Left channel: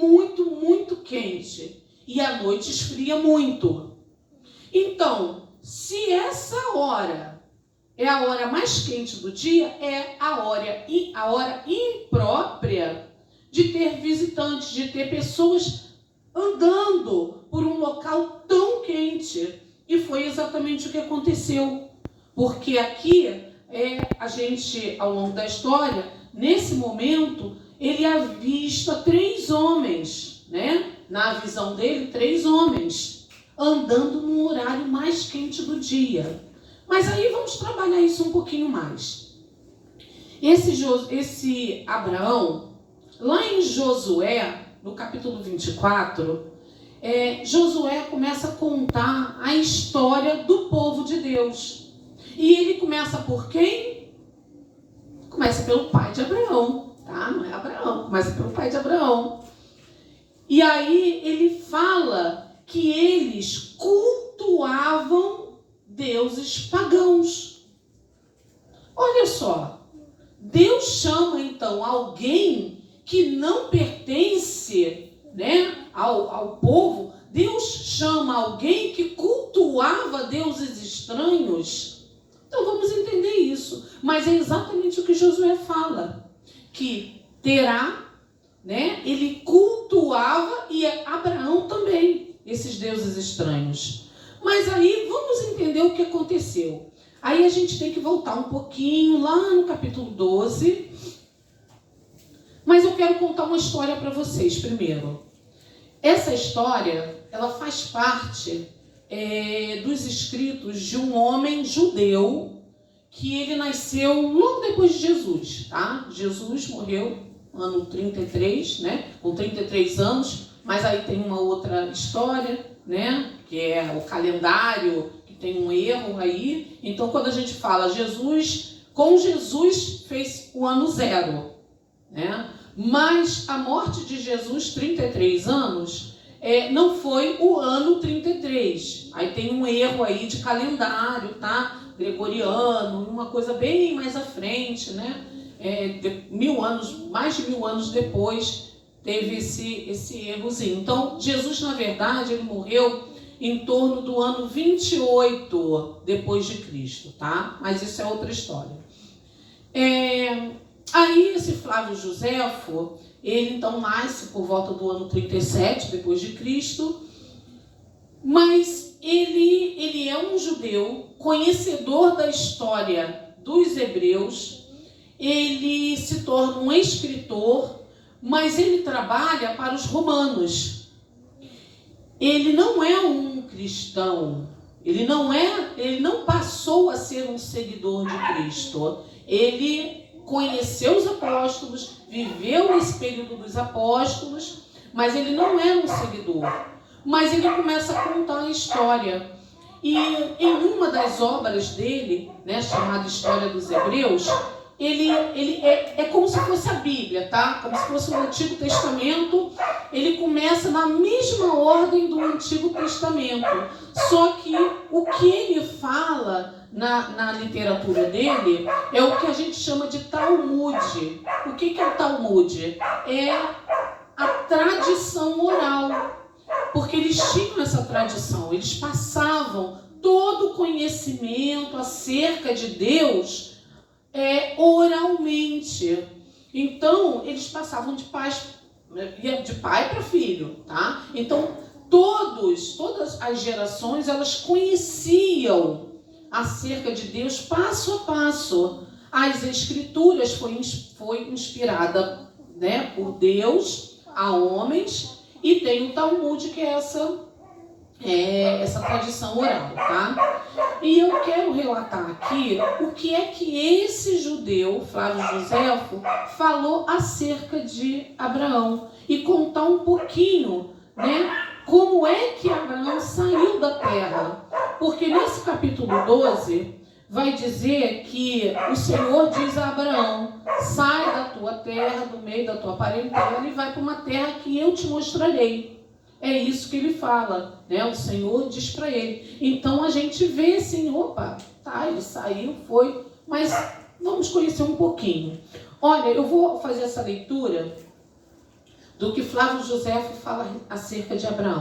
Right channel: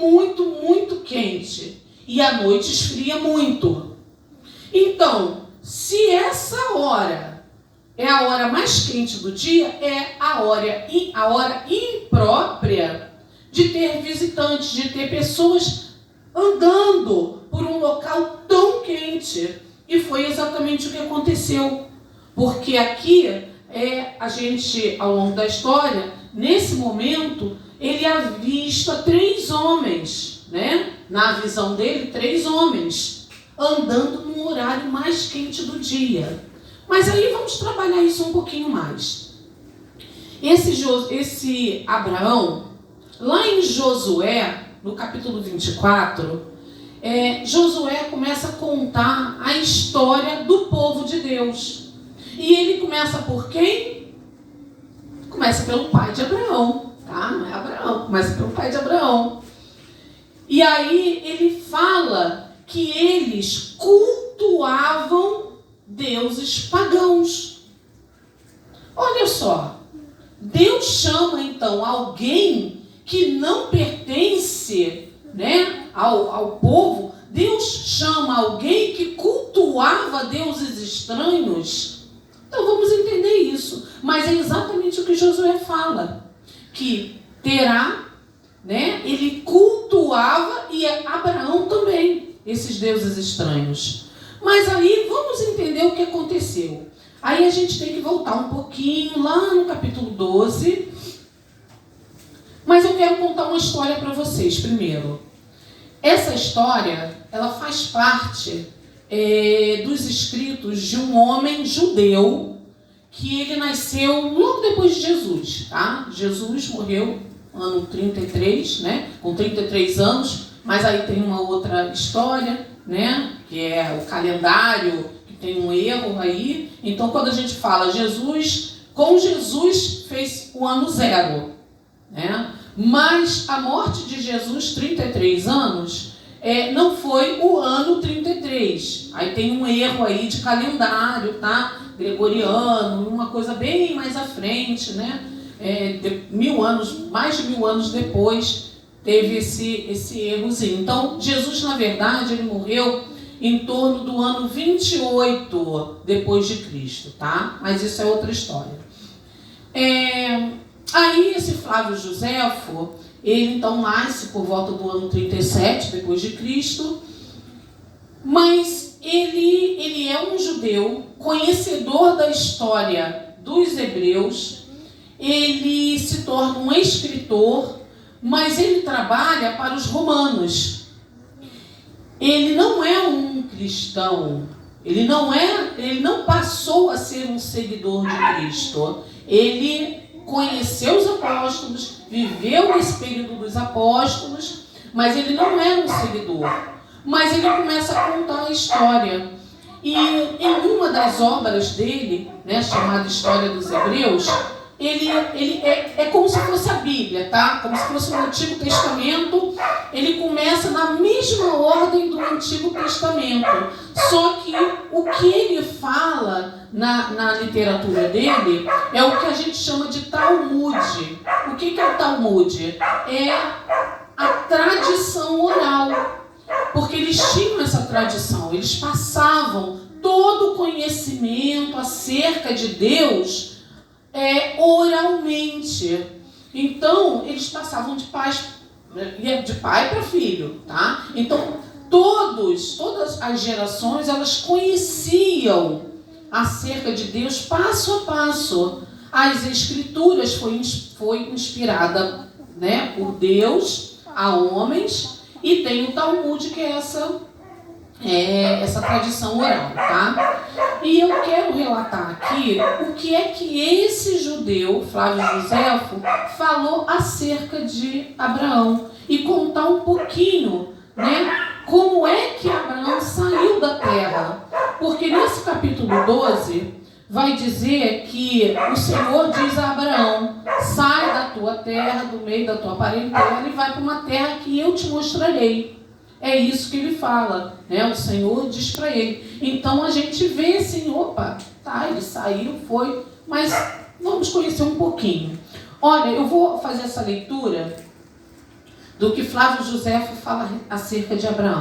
muito, muito quente. E à noite esfria muito. Então, se essa hora é a hora mais quente do dia, é a hora imprópria de ter visitantes, de ter pessoas andando por um local tão quente. E foi exatamente o que aconteceu. Porque aqui, a gente, ao longo da história, nesse momento, ele avista 3 homens, né? Na visão dele, 3 homens, andando no horário mais quente do dia. Mas aí vamos trabalhar isso um pouquinho mais. Esse Abraão, lá em Josué, no capítulo 24, Josué começa a contar a história do povo de Deus. E ele começa por quem? Começa pelo pai de Abraão, tá? Não é Abraão, começa pelo pai de Abraão. E aí ele fala que eles cultuavam deuses pagãos. Olha só, Deus chama então alguém que não pertence, né, ao povo. Deus chama alguém que cultuava deuses estranhos. Então vamos entender isso. Mas é exatamente o que Josué fala, que Terá, né, ele cultuava, e Abraão também, esses deuses estranhos. Mas aí vamos entender o que aconteceu. Aí a gente tem que voltar um pouquinho lá no capítulo 12. Mas eu quero contar uma história para vocês primeiro. Essa história, ela faz parte dos escritos de um homem judeu que ele nasceu logo depois de Jesus, tá? Jesus morreu no ano 33, né? Com 33 anos, mas aí tem uma outra história, né? Que é o calendário, que tem um erro aí. Então, quando a gente fala com Jesus fez o ano 0, né? Mas a morte de Jesus, 33 anos, não foi o ano 33. Aí tem um erro aí de calendário, tá? Gregoriano, uma coisa bem mais à frente, né? Mais de 1000 anos depois, teve esse errozinho. Então, Jesus, na verdade, ele morreu em torno do ano 28 depois de Cristo, tá? Mas isso é outra história. Aí esse Flávio Joséfo, ele então nasce por volta do ano 37 depois de Cristo, mas ele é um judeu, conhecedor da história dos hebreus. Ele se torna um escritor, mas ele trabalha para os romanos. Ele não é um cristão, ele não passou a ser um seguidor de Cristo. Ele conheceu os apóstolos, viveu esse período dos apóstolos, mas ele não era um seguidor. Mas ele começa a contar a história. E em uma das obras dele, né, chamada História dos Hebreus, ele é como se fosse a Bíblia, tá? Como se fosse o Antigo Testamento. Ele começa na mesma ordem do Antigo Testamento. Só que o que ele fala na literatura dele é o que a gente chama de Talmud. O que é o Talmud? É a tradição oral. Porque eles tinham essa tradição. Eles passavam todo o conhecimento acerca de Deus oralmente. Então, eles passavam de pai para filho, tá? Então, todas as gerações, elas conheciam acerca de Deus passo a passo. As Escrituras foi inspirada, né, por Deus a homens, e tem o Talmud, que é essa tradição oral, tá? E eu quero relatar aqui o que é que esse judeu, Flávio Joséfo, falou acerca de Abraão e contar um pouquinho, né, como é que Abraão saiu da terra. Porque nesse capítulo 12 vai dizer que o Senhor diz a Abraão: sai da tua terra, do meio da tua parentela, e vai para uma terra que eu te mostrarei. É isso que ele fala, né? O Senhor diz para ele. Então a gente vê assim, opa, tá, ele saiu, foi, mas vamos conhecer um pouquinho. Olha, eu vou fazer essa leitura do que Flávio José fala acerca de Abraão.